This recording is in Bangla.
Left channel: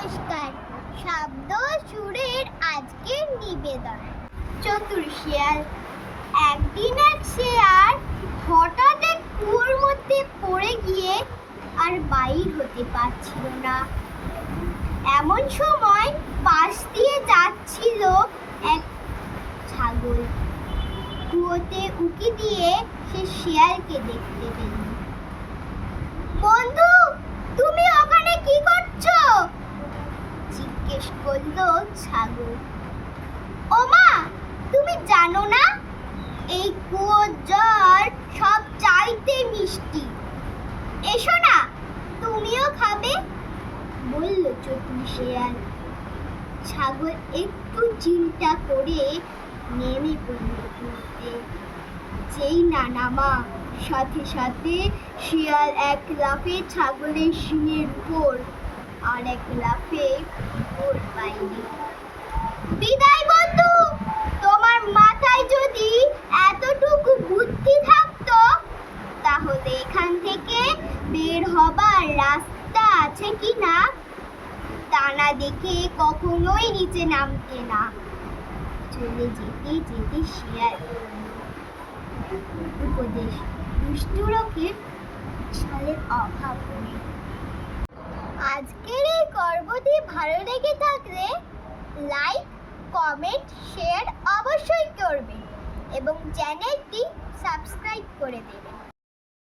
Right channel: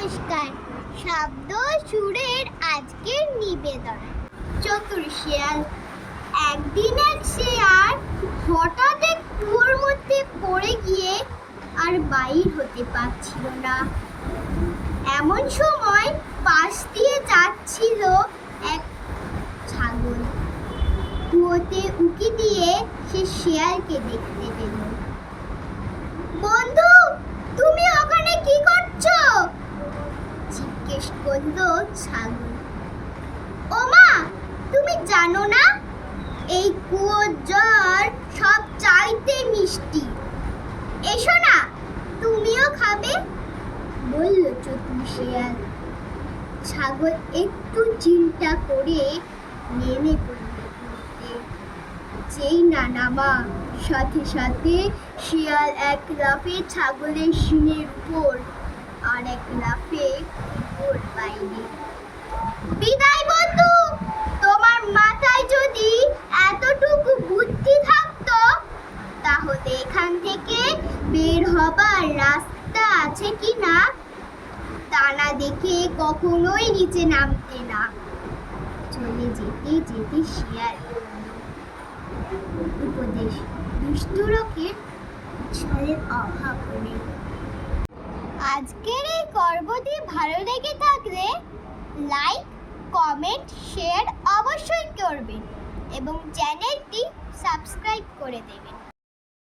নমস্কার। শব্দ সুরের আজকের নিবেদন। চতুর শিয়াল। একদিন এক শেয়াল হঠাৎ এক কুয়োর মধ্যে পড়ে গিয়ে আর বাইর হতে পারছিল না। এমন সময় পাশ দিয়ে যাচ্ছিল এক ছাগল। কুয়োতে উঁকি দিয়ে সে শিয়ালকে দেখতে পেল। বন্ধু, তুমি ওখানে কি করছো? জিজ্ঞেস করলো ছাগল। ওমা, তুমি জানো না এই কুয়োর জল সব চাইতে মিষ্টি, এসো না তুমিও খাবে, বলল চতুর শিয়াল। ছাগল একটু চিন্তা করে নেমে পড়ল কুয়োতে। যেই না নামা, সাথে সাথে শিয়াল এক লাফে ছাগলের শিংয়ের উপর আর এক লাফে কুয়োর বাইরে। বিদায় বন্ধু, তোমার মাথায় যদি এতটুকু বুদ্ধি থাকতো তাহলে এখান থেকে বের হবার রাস্তা আছে কি না তা না দেখে কখনোই নিচে নামতে না। চলে যেতে যেতে শিয়াল উপদেশ, দুষ্টু লোকের ছলের অভাব নেই। আজকের এই গল্পটি ভালো লেগে থাকলে লাইক, কমেন্ট, শেয়ার অবশ্যই করবেন এবং চ্যানেলটি সাবস্ক্রাইব করে দেবেন।